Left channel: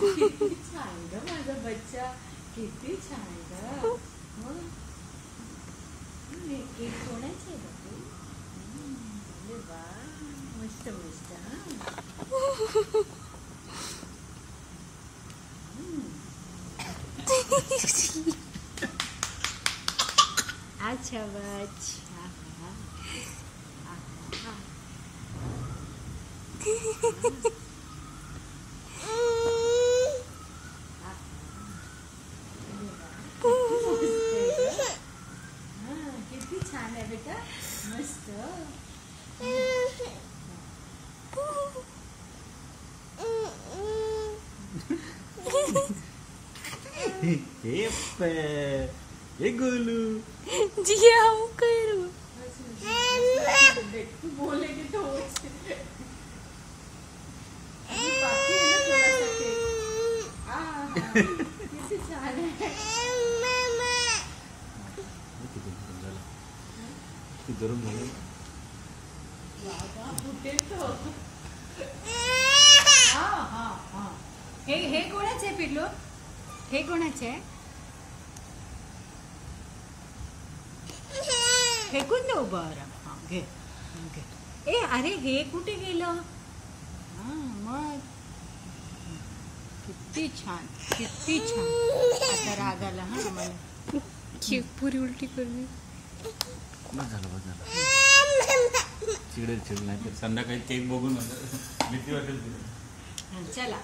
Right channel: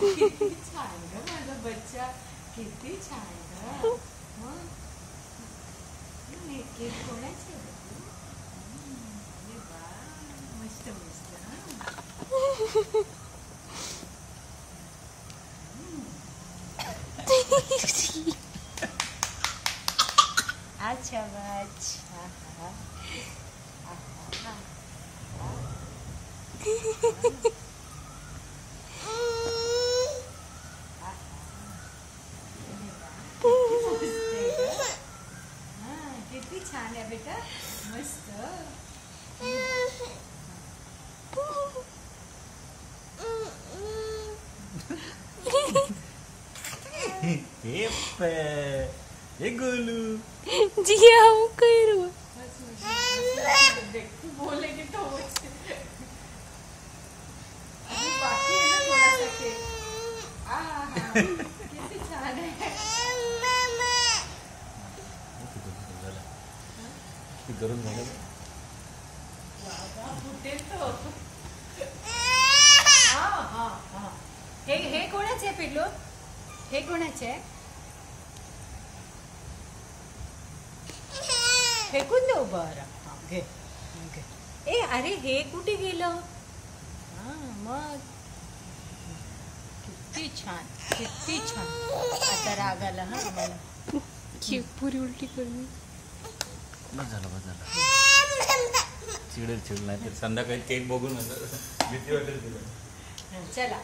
किती छान ग माझा बच्चा, किती छान ग. मग केक कोणाचे आहे तू? अरे वा, मस्त मस्त. अच्छा अच्छा. किती छान आहे बेटा, मस्त. हे गोलू जिया हूँ करू तू बोलेगी तो बाकी है ना थोड़ा सा केक. किती छान आहे. धरून झालं बाबा कुठे तो. हे कोणाचे आहे पिल्लू? हे कोणाचे आहे? फेकून देऊ. बरं घे. ए अरे हे कुठे गेलं? मग किती छान, किती छान. आता राग आला हा मला. पूरी उलटी करली. बस झालं चिडेल नाही तर संध्याकाळी केक बघून भीती वाटेल. चला.